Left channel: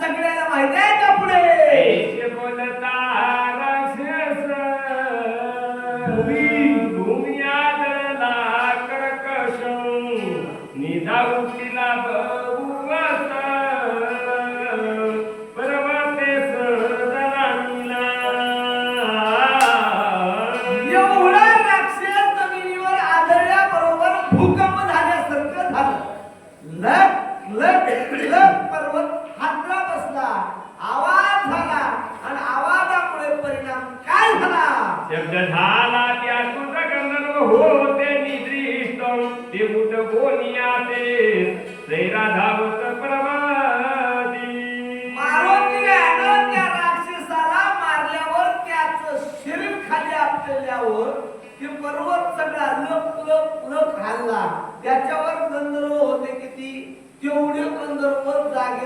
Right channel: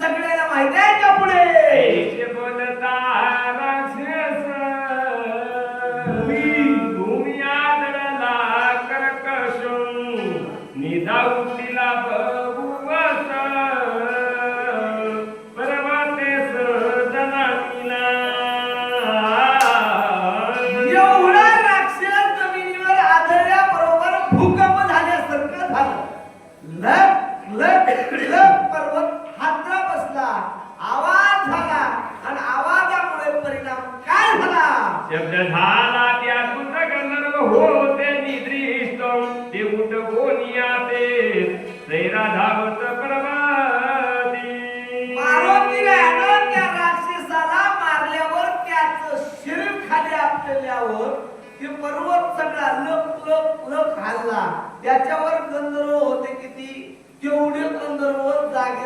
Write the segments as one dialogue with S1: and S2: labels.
S1: सगळ्याला माहिती आहे का पुढे?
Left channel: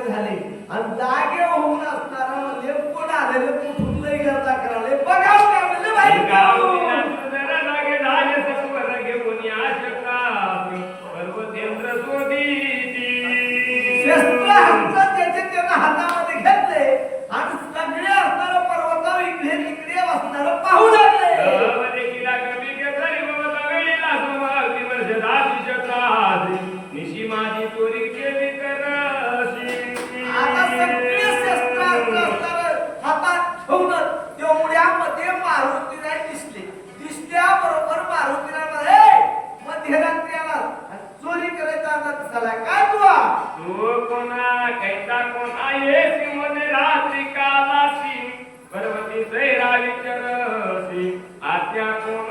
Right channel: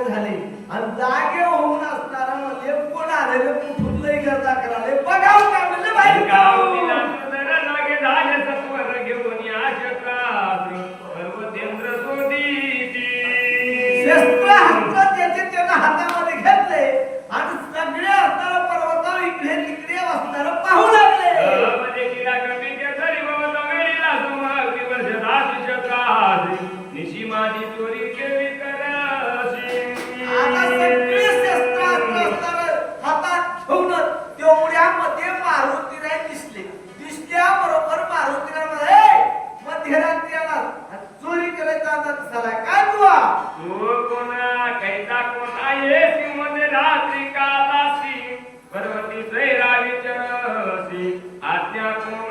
S1: झाले. आणि जागे होऊन असताना म्हणले कोण आलेले कुठून लई करता कराले बघा हो म्हणले बाई. गाव
S2: तिचा कोण आहे? सिंहन रासी कालासी पर्वती सैरा विचरसी
S1: आत्या कोण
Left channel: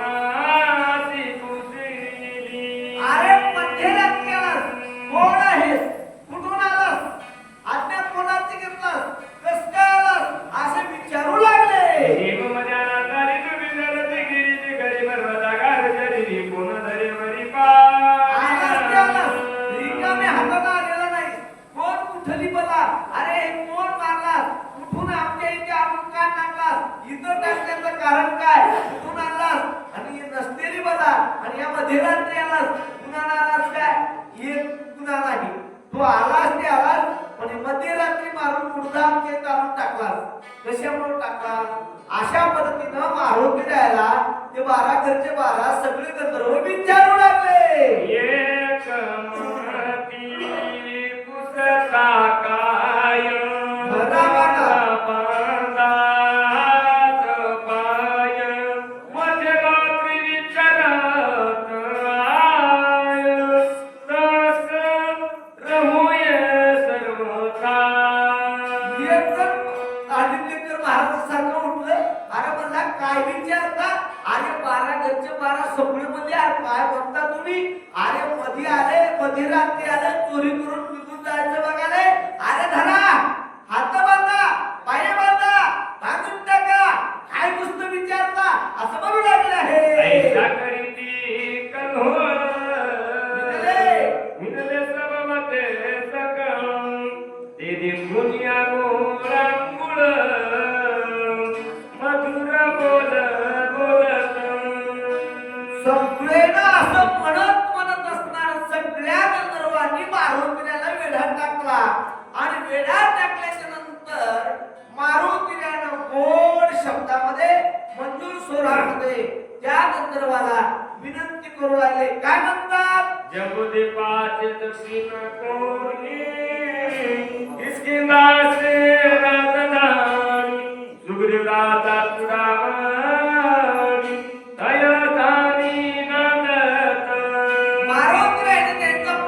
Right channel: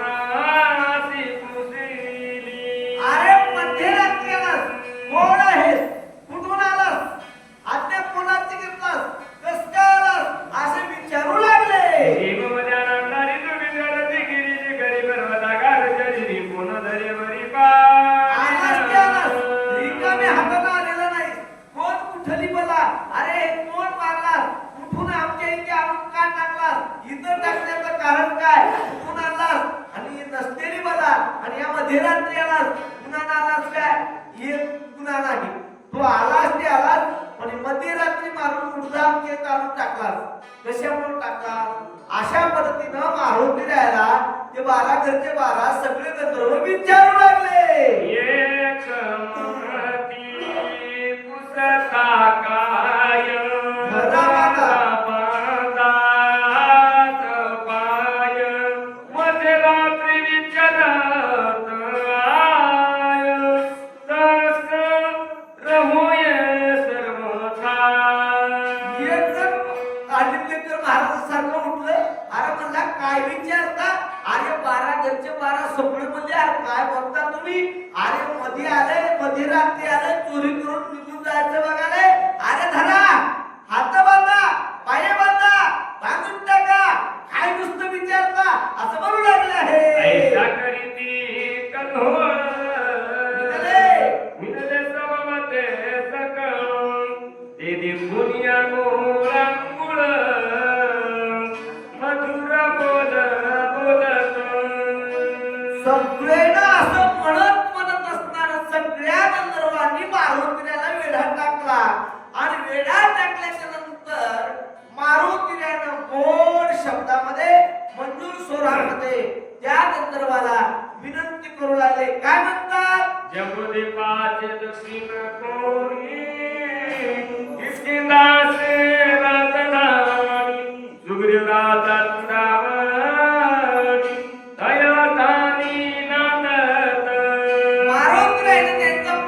S1: तेरी बघा आणि या मध्यरात्री आलास. पुन्हा आलास काय? हे गुन्हा नाही. तो आलास ते आलास पण मध्यरात्री मारून उडदा ते काढून टाकलास. कशामुळे टाकला अशा पद्धतीनं मारुती द्यायला ते बारा घरचे बारा सगळे गंधर्व विचारू लागले.
S2: एक का? রাত্রি
S1: আরে চুরি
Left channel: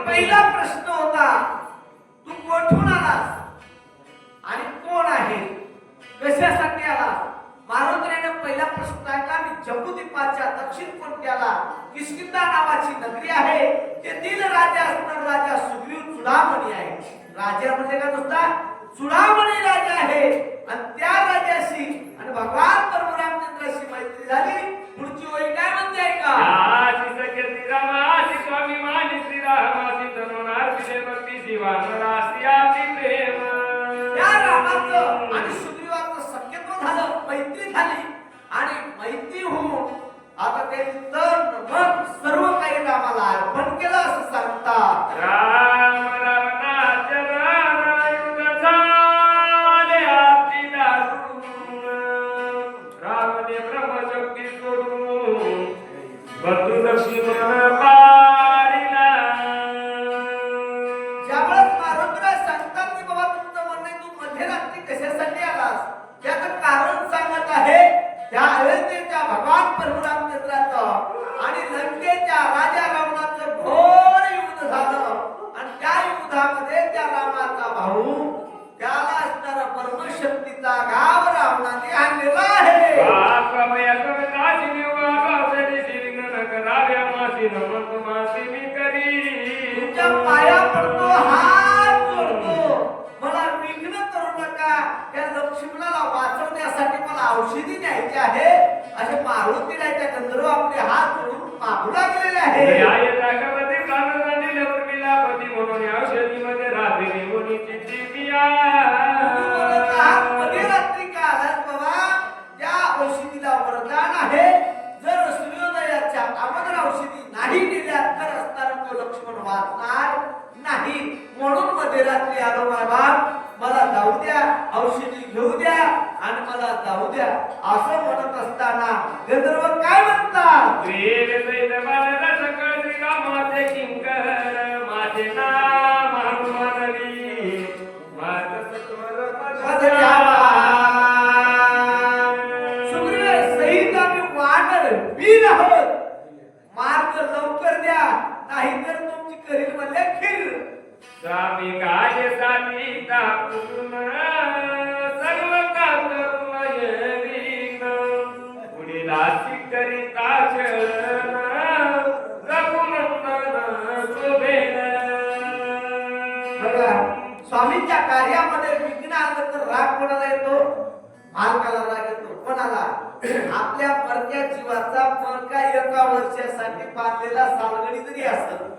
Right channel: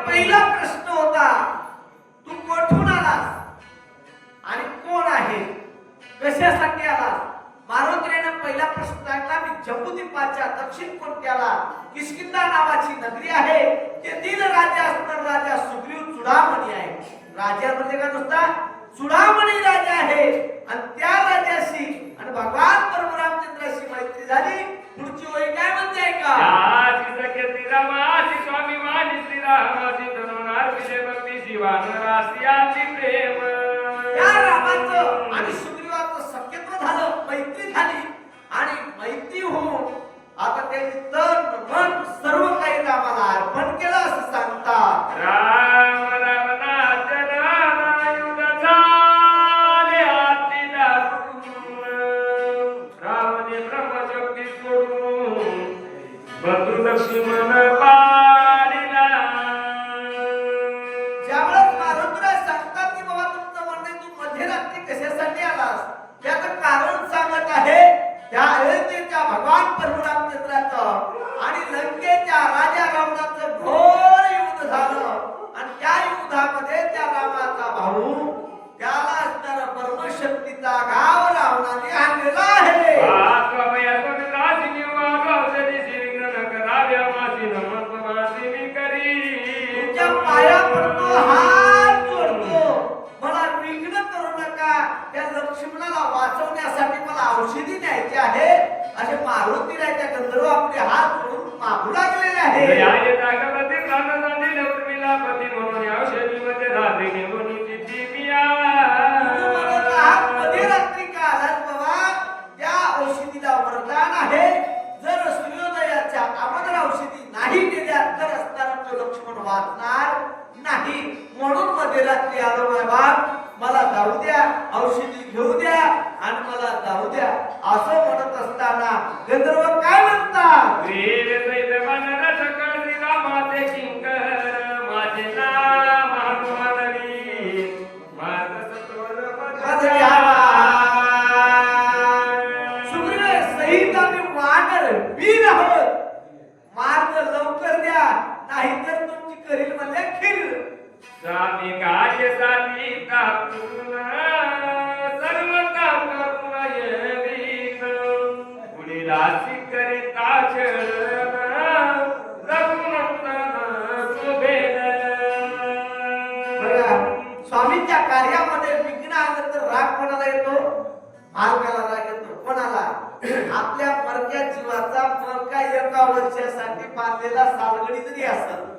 S1: पहिला प्रश्न होता तू कोठून आलास? आणि कोण आहे? कशासाठी आलास? मारुद्रेने पहिला प्रश्न ऐकला मी जम्बुद्वीपाच्या दक्षिण कोणत्याला किशकिंदा नावाची नगरी आहे तेथील राजा असणार राजा सुग्रीव चुडामणी आहे. राजा म्हणजे का नुसता? चुडामणी राजा आहे. आणि त्या राजाशी आणि भगवान प्रभू रामचंद्राशी मैत्री झाली. पुढची ओळी काय
S2: म्हणजे ऐका? स्वामी माझी श्रीरामाची धनुनार्थी भक्ती शिवानरासी प्रेम.
S1: या रामाचं आणि सुग्रीवाचं सख्यत्व झालं मैत्री झाली. आणि मैत्री होऊन आता त्यांनी तन मन सर्व काही रामाला अर्पण केलं असं सांगतात.
S2: राम
S1: राम caralho बाप मला जाऊ द्या औषधी घेऊ द्या आणि मला जाऊ द्या. असं म्हणत असताना गंधर्व काय म्हणतात?
S2: माझे नाम स्वामी काय साठी कापून सर्व का करून येईन दासी करिता चरण
S1: स्वामींच्या कार्यामध्ये विघ्न आलं तर राग कोणाला येतो? मालकाला राग येतो. कोणाला? आपल्या परक्या जीवाचा परका एका वर्षासाठी बांधलेला सालगडी जरी असत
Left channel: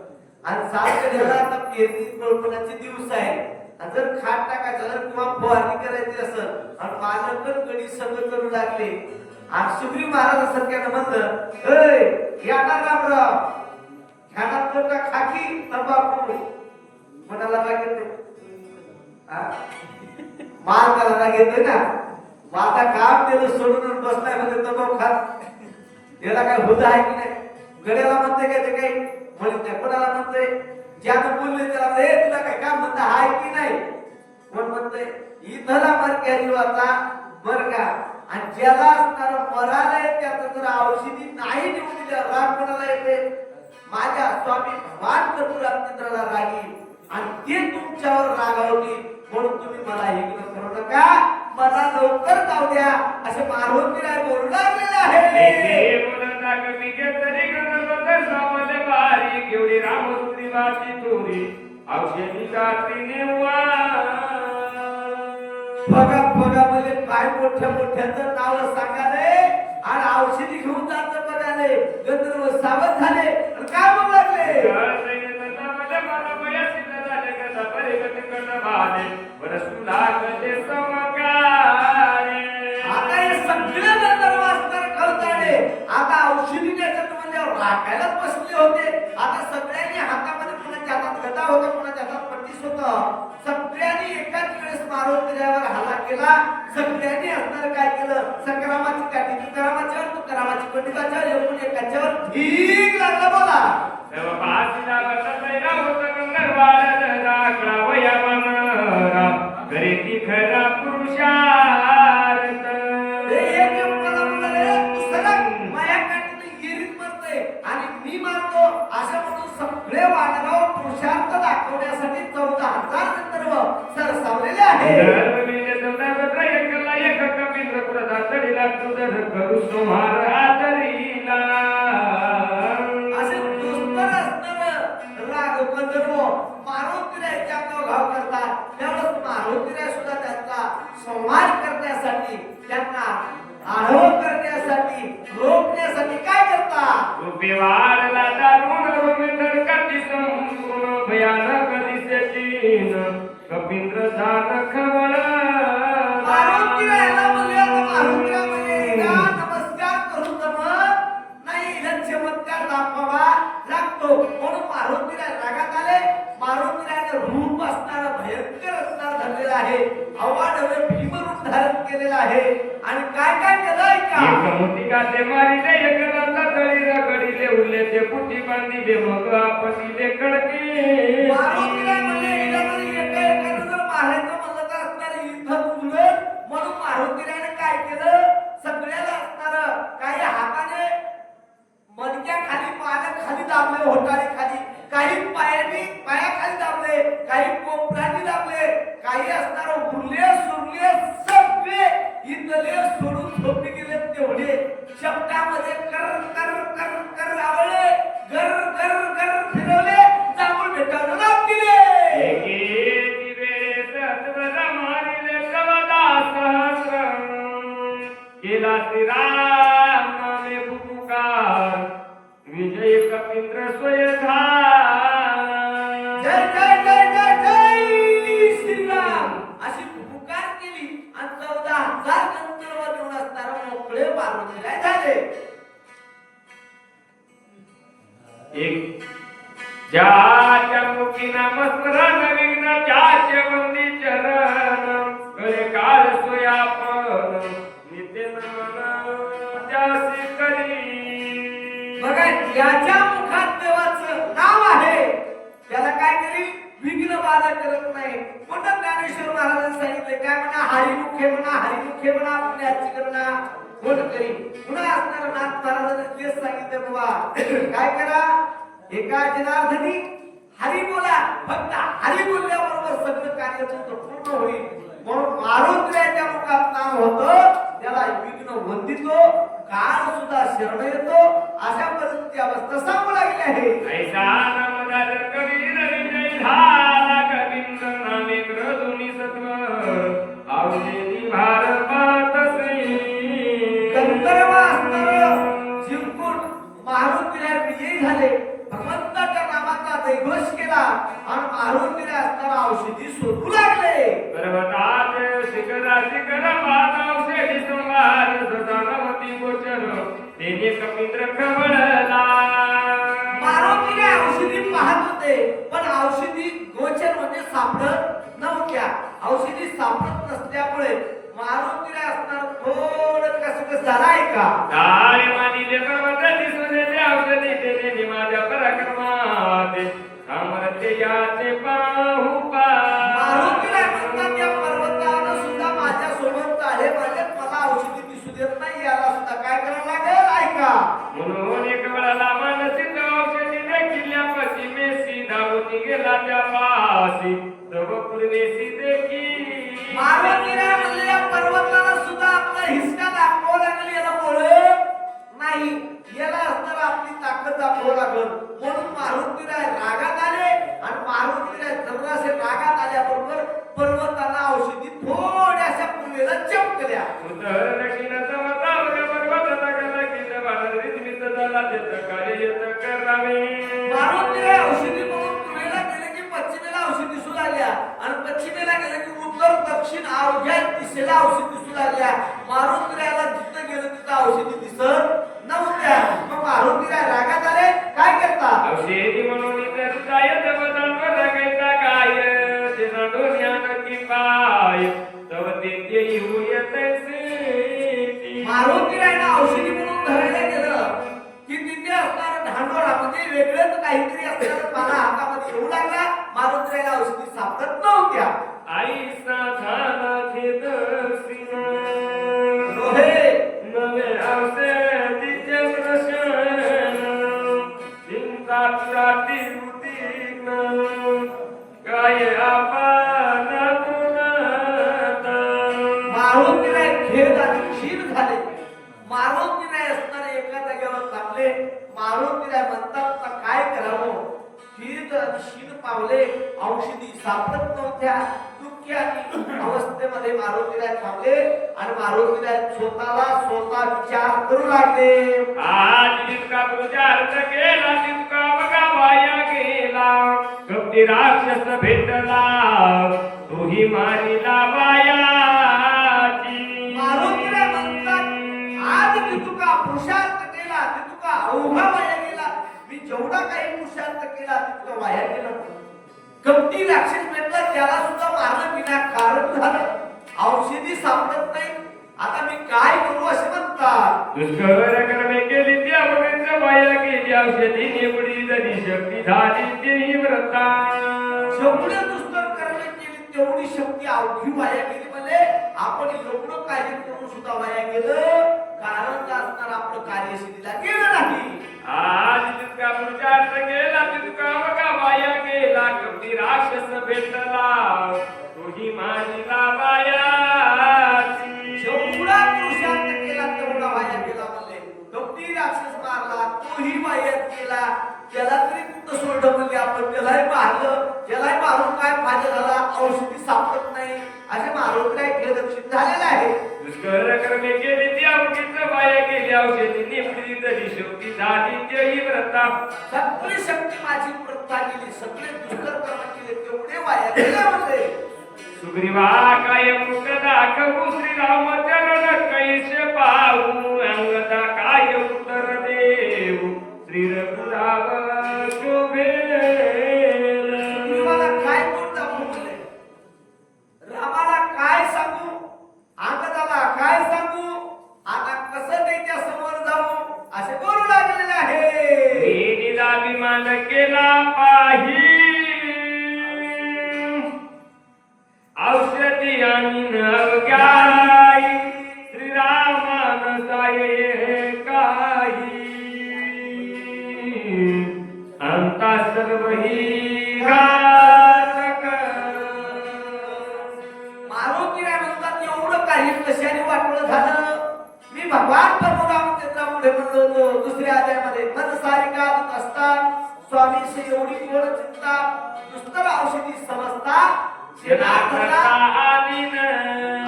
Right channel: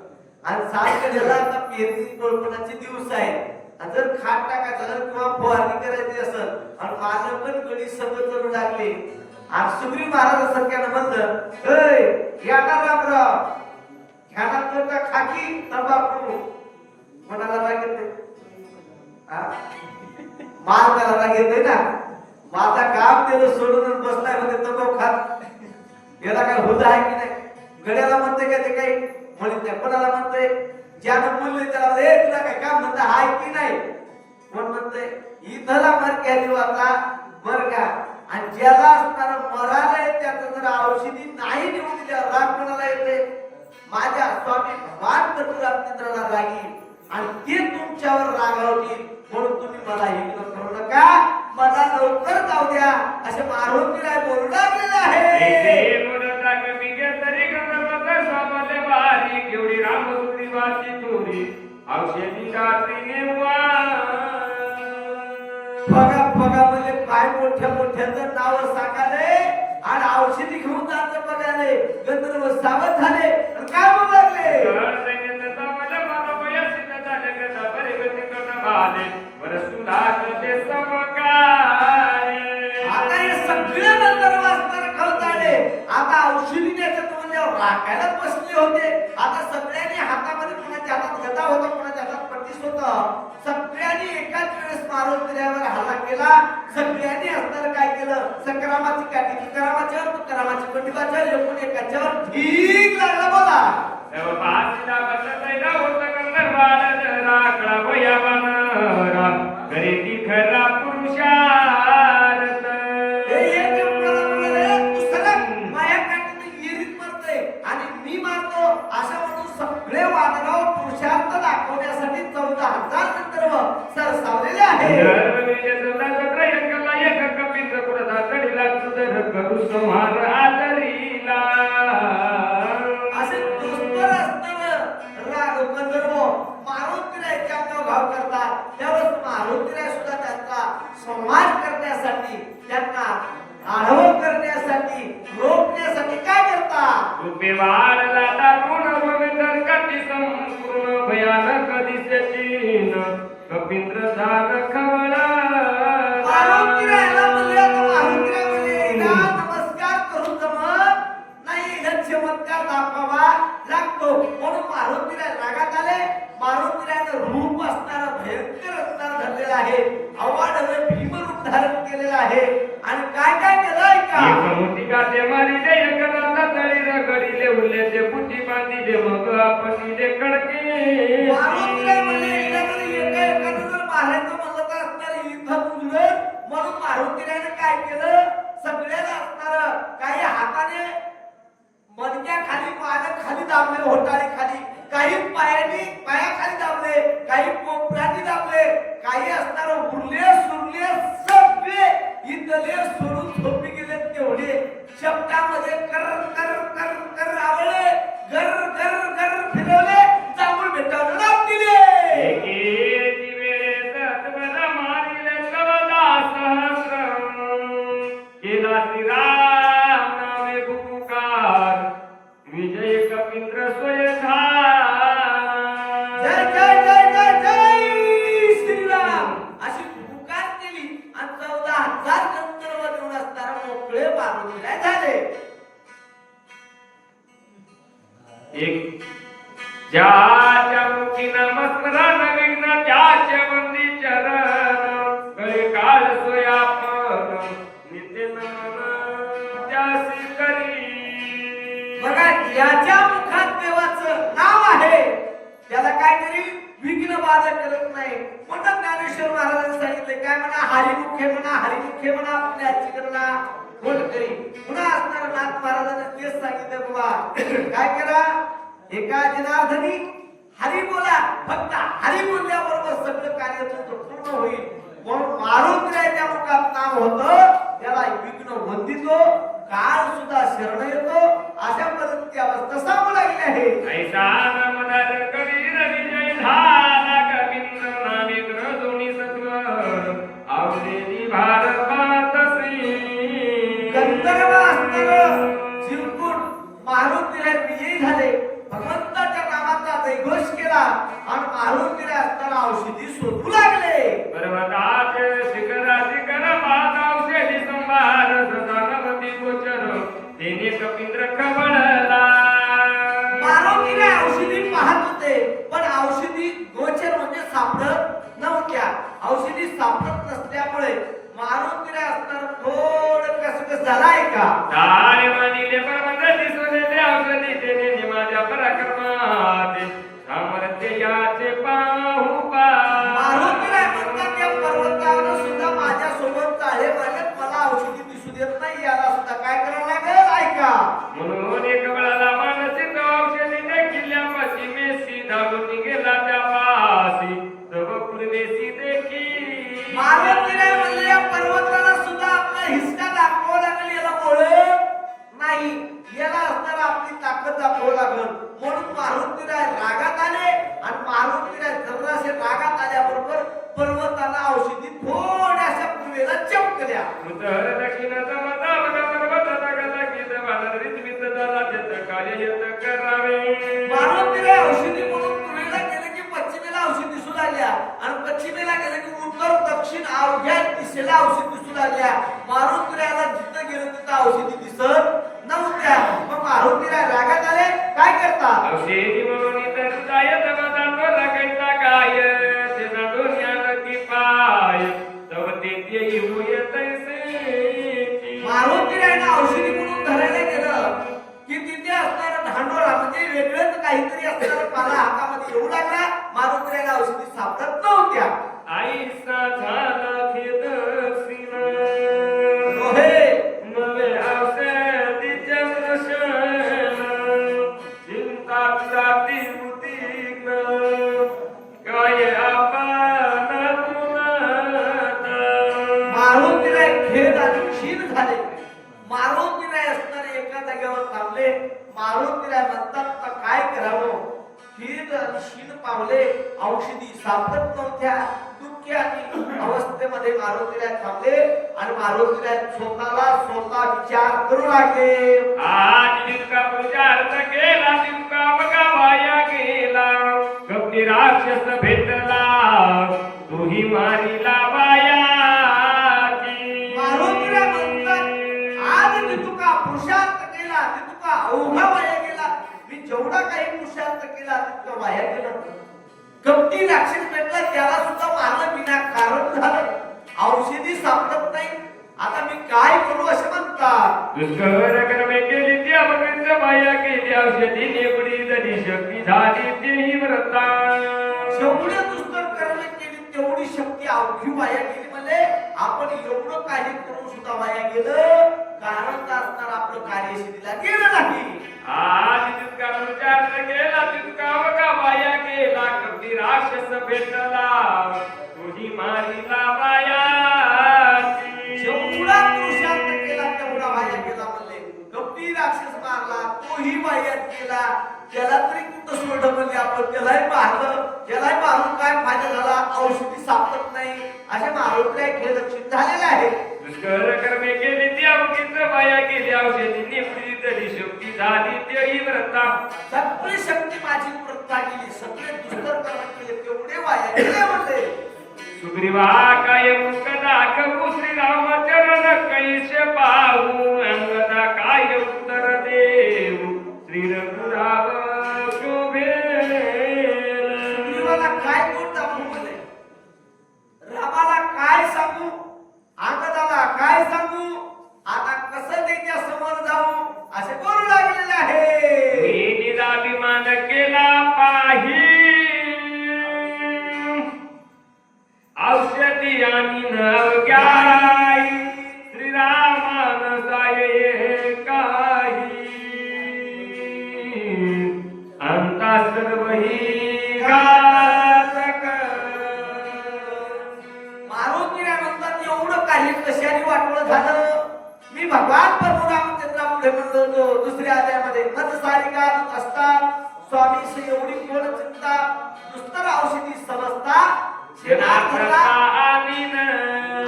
S1: आणि सालगडीला आता पेरणी कोळपणाचे दिवस आहे आणि जर खाट टाकायचं जर किंवा फवारणी करायची असेल आणि माझं पण गडी सगळं करू लागले. आणि सुग्रीव महाराजासारख्यानं म्हणलं अय या रामराव ध्यानात कोणता का खाकी तंबाखू कोणाला राग येते हा? माल त्याला राग येते ना? माझा काम केलं सोडून बसलाय म्हणजे तंबाखू खात याला काय होत आहे की नाही? गड्याला म्हणते काय ते काही? म्हणत नाही कोणाला म्हणतोय? ज्यानं बोलले त्याला म्हणते, "ए, तुला काय काम धंदा आहे की नाही? कोण म्हणतोय? इथला मर क्या जीवाचा बर का आणि ज्याला असणार मराला त्याचं जर औषधी नाही निवडून दिल्यावर राग कोणाला येते माझ्या स्वामी भगवान चतुराचंद्राला रागी आणि ते तुमच्यावर रागावतील. म्हणून तुम्ही मला हे करू नका. मला लवकर जाऊ द्या. असे मारुती बोलू लागलेलं आहे
S2: औषधी जाती
S1: बघा बघा म्हणजे काय मोठ्या मोठ्याचं नाव सांगाले आणि औषधी घेऊन जायचं बघाले गंधर्व सावध झाले काय म्हणू लागले? आता हे सगळे गंधर्व असणार कळताडे आता औषधी द्यायचं म्हणल्यावर राखायलाच बसले होते. आता सगळ्यांनी हातामध्ये कोणाच्या हातात गदा होता कोणाच्या हातात पट्टीस होत. सगळ्यांनी एकाच वेळेस मारुतीवर हल्ला केला. सगळ्यांनी असणार काय केलं? संक्रामाची काठी तुकारामाच्यावर तुकारामाची पंडिताच्यावर एकूण एकाच्यावर ठीक लागला बोला.
S2: खरा
S1: पुरुषा सगळे पुरुषार्थ दाखवण्यासाठी चौदा हजार गंधर्व सरसावलेले आहे आहे भीमरूप धारण केलेलं आहे. आणि काय काय केलंय का?
S2: एक मोठी ते मारी ज्याच्या मुखी नमस्मरण विघ्न बंदी चरण. गळे काळ नित्य नमन त्यासी करी
S1: बघा ज्याच्या मुखात देवाचं नाव आहे. त्याला काय विघ्न बाधा करत नाही. म्हणून ज्ञानेश्वर महाराजांनी सांगितले काय म्हणा हरिमुखे म्हणा हरिमुखे म्हणा पुण्याची करणा कोण करी पुन्हा असणार नाथ महाराजांनी तेच सांगितले बाबा. काय करा एका जनार्दनी हरी बोला फक्त हरी बोलल्याबरोबर सगळं कार्य तुमचं पूर्ण होईल. म्हणून मारुद्र्याच्या मुखात नाम होतं त्याला विघ्न वंदितो काळ सुद्धा शरण येतो अशा पद्धती अवस्था सांगू लागली आहे. केला आणि मारुतीला असताना औषधी शोधू लागले.
S2: पर्वतात शिखरा शिखर पादावशेषी संवाद सदानवती गोचर. तेने कपिंद्र कमळला
S1: मारुतीने औषधी पाहत होते पण औषधी गोचर म्हणजे सापडत नव्हत्या. औषधी सापडत नसल्यामुळे मारुतीने असणार थोडं कसं कसं झालाय का?
S2: काय मानिले पर्वत दिसलेले औषधी माझ्या पराक्रमात. सामर्थ्य याचे पाहू
S1: पर्वतानं सुद्धा माझ्या सोबत आहे म्हणजे मला औषधी दिसू देत नाही याला सुद्धा काय करावं लागेल? ऐका.
S2: म्हणून एक वेळाला मानसिक औषधी किल्ल्या पश्चिमेसी धावती गेला त्या पासी. तव पूर्वेसी देखी
S1: मारुतीने म्हणले या पर्वताला सुद्धा आपला हिसका दाखवावं लागेल याला ओळख नाही याला असताना आपली ताकद दाखवावं लागेल. मारुतीला रागात आले आणि मारुतीला जरासे रागात आल्याबरोबर पर्वताला औषधी थोड्याशा पूर्वेला चमकल्या.
S2: पर्वत
S1: लागल्या. आणि पश्चिमेला गेले की उत्तर दक्षिण अवघ्या दिशेला औषधी दिसू लागल्या. मारुतीला जिथं गेलं तिथं औषधी दिसत नव्हत्या. मग रागात आले. काय करतात
S2: औषधी म्हणून इतर काय रगायचा काय? ते नाडून या नक्की पाय. तव ते येऊ येतैसे
S1: मारुतीला औषधी असणारं धांडोळा म्हणजे वेगळंच काहीतरी असणार. मला हातामध्ये येऊ लागला. मारुतीला औषधी सापडत नव्हत्या.
S2: आईचा झाला
S1: क्षीण पावले औषधी सापडत नव्हत्या दुःखी आणि अवस्थेमध्ये मारुतीला थांबले आणि मारुतीला स्वतःला स्वतः विचार करू लागले.
S2: आज जितका पुरुषार्थ केला तितका बघा वाया गेला. कपटी राक्षस भेटला तोही मारिला बायाची.
S1: मारुतीला म्हणतात आज मी तुका पुरुषार्थ केला ते तुका अवघा वाया गेला. मी जेवढा काही पुरुषार्थ केला तितका वाया गेला कपटी राक्षस भेटला त्याला सुद्धा मारलं बिना कारण झालं. औषधी सापडत नाही. आता मी काय करू असं म्हणतात?
S2: दुष्कर कर्मे केली ती अमृत बाया केली औषधी निवडी तरी शक्ती झाली ती व्रता
S1: जेवढे दुष्कर कर्म केली तेवढी शक्ती अवघी वाया गेली म्हणजे आपण एवढं कार्य करून सुद्धा वाया गेलं. कारण असणार आपलं कार्य सिद्धीला गेलं नाही
S2: वाया तितका केला तितका का बाया केला कधी राक्षस भेटला. तुझी मारिला बाया
S1: तोही वायात गेला त्याला तरी कुठं सोडलं म्हणजे आपण. त्यालाही मारलं त्यालाही मारून काय फायदा झाला औषधी सापडत नाही. असे मारून काय खेळ लक्षित झालेलं आहे.
S2: कर्मे केली ती अमृत बाया केली औषधी निवडी तरी शक्ती झाली तेही व्रता
S1: सगळी शक्ती माझी प्रथा गेली. सगळे दुष्कर कर्म केले तेवढे वाया गेले म्हणले
S2: सुग्रीवा काय मुख दाखवू श्रीराम चरण कैसे पाहू अंगदा काय उत्तर दे. श्री
S1: शेणार्थाला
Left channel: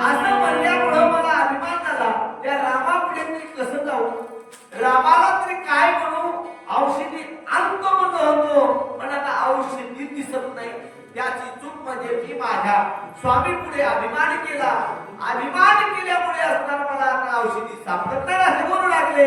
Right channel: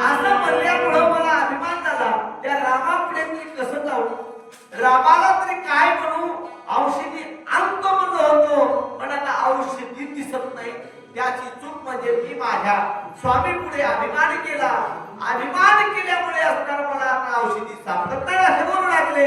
S1: असं म्हणल्यामुळं मला अभिमान झाला त्या रामापुढे मी कसं जाऊ रामाला तरी काय म्हणू औषधी अंत म्हणत होतो पण आता औषधी दिसत नाही त्याची चूक म्हणजे मी माझ्या स्वामी पुढे अभिमान केला अभिमान केल्यामुळे असणार मला आता औषधी सापडत नाही असे बोलू लागले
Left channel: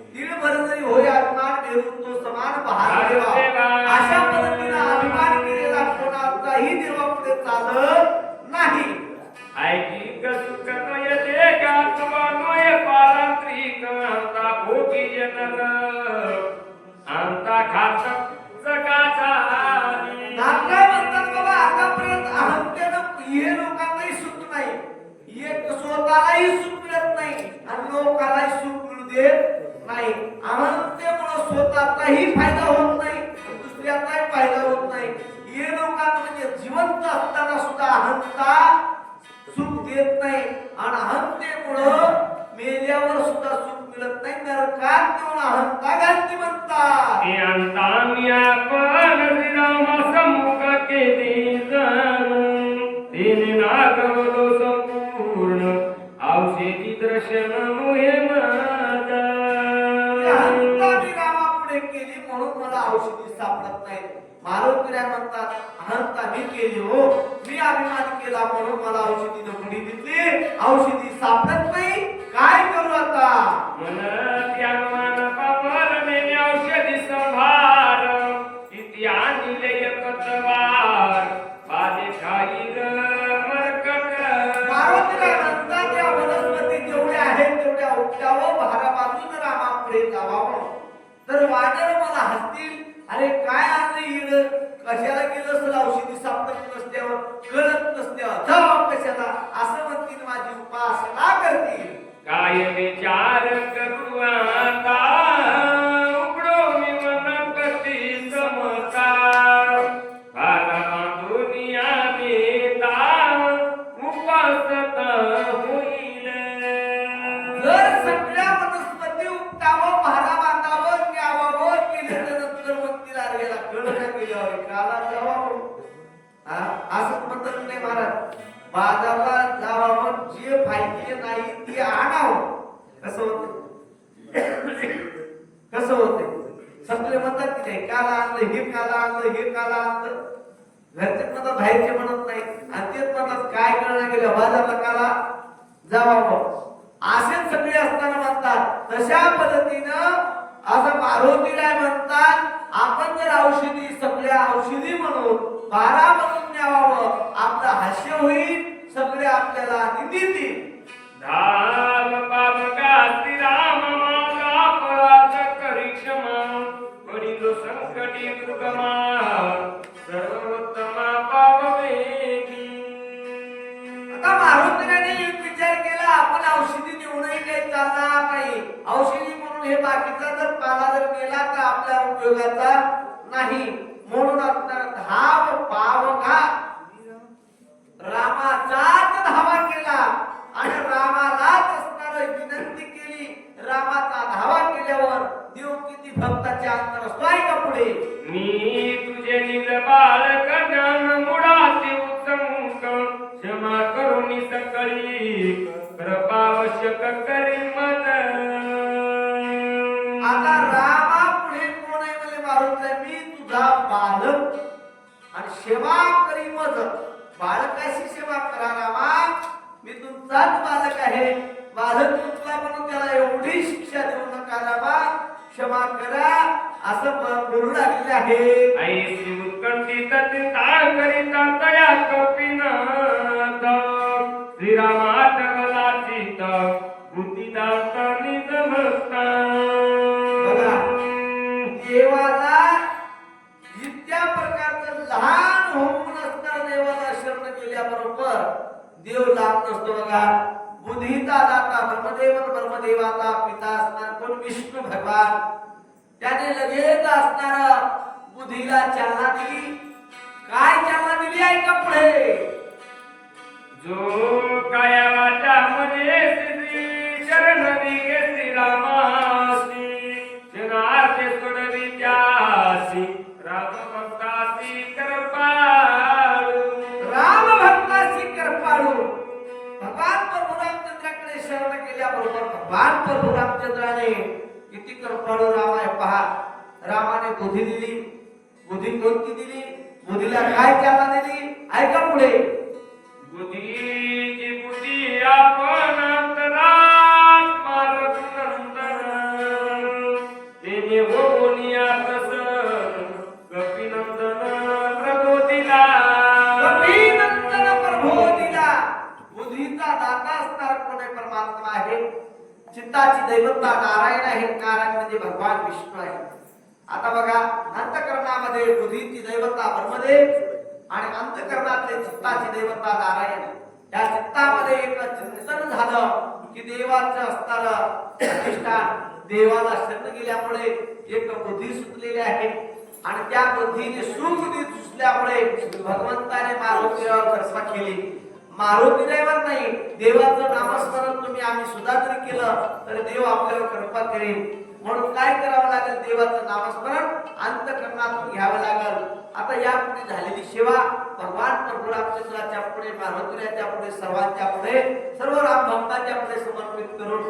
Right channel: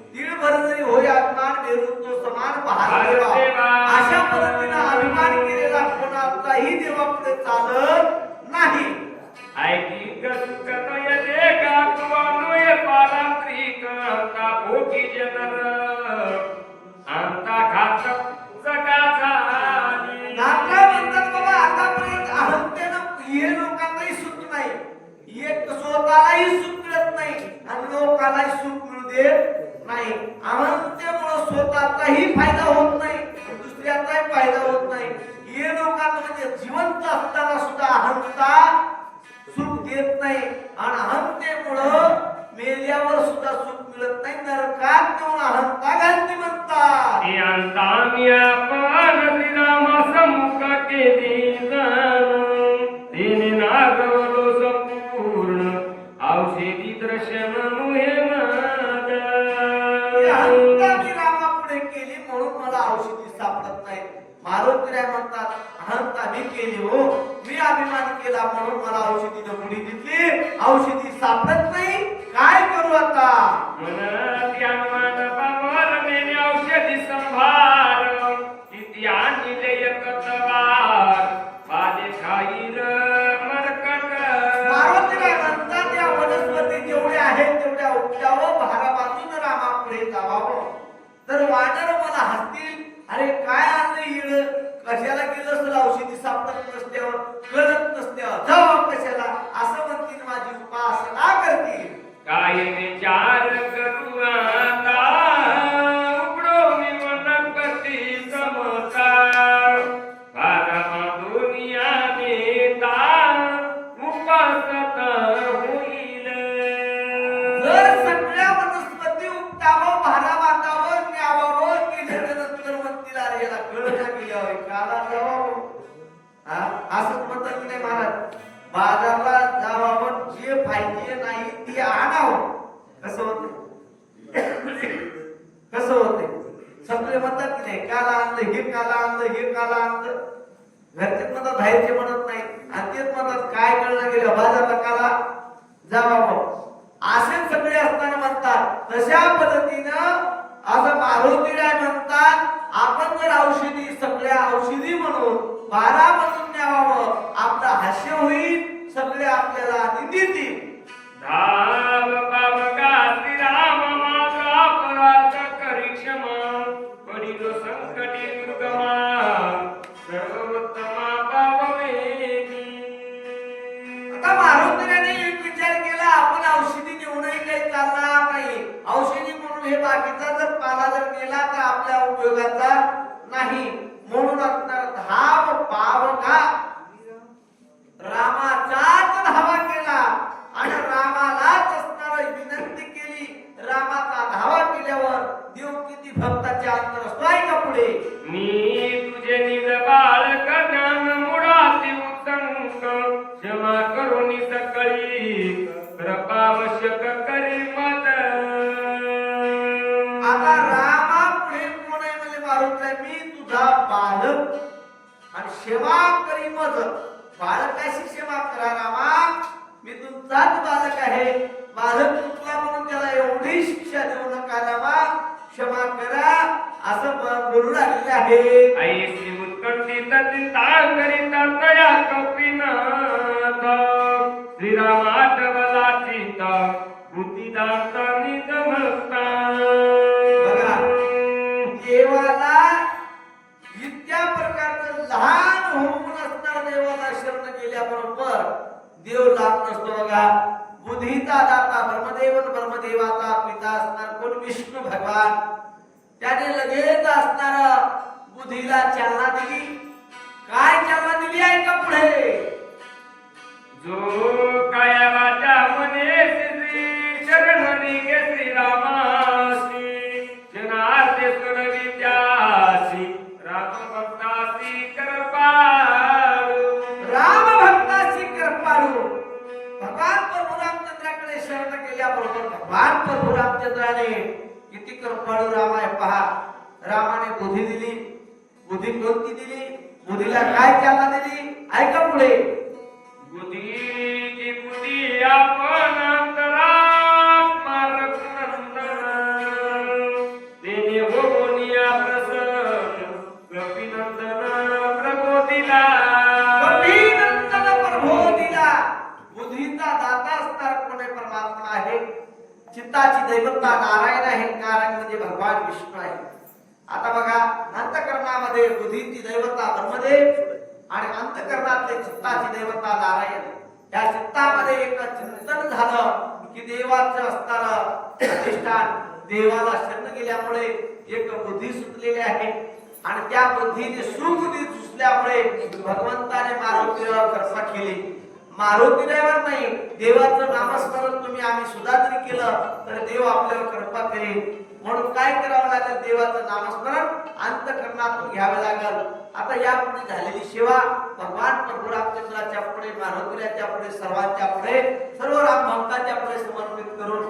S1: दीडभर जरी होय अभिमान मेरून तो समान बहार देवा. अशा पद्धतीनं अभिमान केलेला कोणाचाही देवापुढे चालत नाही.
S2: ऐकी कनयते का? तुवानुय पालांत्रिक अंता भोगी जनन अंता घातक जगाचा
S1: नाथराय म्हणतात बाबा आतापर्यंत अहंतेनं हे लोकांनाही सुख नाही. एक स्वतःलाही सुख मिळत नाही आणि लोकांनाही सुख मिळू देत नाही अहंतेमुळे स्वतःचाही फायदा होत नाही दुसऱ्याचाही फायदा होत नाही. हे लोकांना म्हणजे जिवंत असताना सुद्धा अहंता सुख देत नाही. आणि अहंतेमुळं मेल्यावर सुद्धा सुख मिळत नाही. नरकात नेऊन अहंता घालती म्हणतात
S2: संपूर्ण औषधी दर्शन मुहे
S1: मला औषधी सापडत नाही. मारुतीला म्हणतात अहंता मी केली हो. मी अभिमान केला म्हणून मला औषधी पुढे दिली. औषधी सापडत नाही. काय करू आता?
S2: औषधी संभार.
S1: म्हणतात या वनस्पती जेवढ्या आहेत तेवढ्या उपटावं भारा बाजून रामापुढे जावावं. तर वानर मला हसतील अरे काय आणलं इड? कशाला गेलं असेल औषधी सापडत नसत्यावर कळत नसत्यावर जाऊ कशाला? असं म्हणतील माझी उपासना करतील.
S2: काय विचार करू आता
S1: बाजारला जावावं जे फायदे नाही ते आणावं. कसं होत कसं होते सगळे म्हणतात की नाही काला आणलं हे काला आणलं हे काला आणलं. घरचे म्हणतात बाहेरचे म्हणत नाही आणि तेच म्हणतात काय कळलं गेलं? बाजारला काला जावावं असे सगळे असताना म्हणतात तशा पद्धतीनं असं मारुतीराय म्हणतात आपण जर औषधी सगळ्या औषधी म्हणून बारा म्हणून न्यावावं. आपलं हास्य होईल सगळे आपल्याला निंदितील.
S2: धाम पावका श्रीराम माझा अपराध करी क्षमा पडिलो संकटी दुर्गमा सर्वोत्तमा पावमे
S1: आता मारुतीने एक विचार केला आपण औषधी नेऊनही काही चालणार नाही. औषधी म्हणून हे बाकीचा जर पाला जर नेला तर आपल्या उपयोगाचा नाही. म्हणून धाव पावघा रामाचाच धावा केला आणि रामालाच असणार विनंती केली. रामाचा धावा केल्यावर देव किती भक्ताच्या अंतर असतो आहे का पुढे.
S2: मी तुझे निज बाळक ज्ञान मुळाचे उत्संग. क्षमा करुणी सकळी कृपावश्यक करी मत.
S1: आता रामा पुढे कोण आहे म्हणजे मारुतीला मी तुझा बालक आणि सेवा करी मज. बालकाशी सेवा करा रामा. मी तुमचाच बालक आहे. बालक चुकला म्हणून त्याला एवढी शिक्षा देऊ नका रामा. क्षमा करा. असं बोलू लागले आहे.
S2: आई श्री उत्कंठित चिंता करीता तया कपिनाथ. श्रीराम आठवला चित
S1: त्याच्याबरोबर देव लाभ नसतो बघा. बुद्धीचा दाता ब्रह्मदेव ब्रह्मदेवाचा पिता असणार कोण विष्णू भगवान? त्याने लगेच असणार बुद्धीला चालना दिली. काय चालना दिली आहे का पुढे?
S2: जो काया वाट्यामध्ये श्री शरणरी श्रीरामासी कृपाळू
S1: राम आहे पहा. रामाने बुद्धी दिली बुद्धी कोणती दिली? बुद्धीला काय चालना दिली? ऐका पुढे.
S2: बुद्धीची बुद्धी आपण
S1: चित्ताची दैवत्ता नारायण आहे. नारायण म्हणजे भगवान विष्णू आहे. आता बघा अंतकरणामध्ये बुद्धीची दैवता ब्रह्मदेव आणि अंतकरणातले चित्ताची दैवता नारायण. या चित्तामध्ये एक चिंतन झालं की देवाचं असताना अधिष्ठान देवाला शरण गेल्यामुळे एक बुद्धी सुटलेली आहे. आणि त्या बुद्धीने सुबुद्धी सुचल्यामुळे भगवंताने मारुतीवर कृपा केली. मारुतीवर नाही. देवाचं नामस्मरण तुम्ही आम्ही सुद्धा जरी केलं तर देव आपल्यावर कृपा करेल. म्हणून काय करावं लागेल देवाचं नामस्मरण? अंतकरणातून घ्यावे लागेल. आता यापुढे झालेली सेवा भगवान प्रभू रामचंद्राच्या पुढे मारुतीच्या पुढे सर्वांच्या पुढे सर्व राम भक्ताच्या पुढे समर्पित करून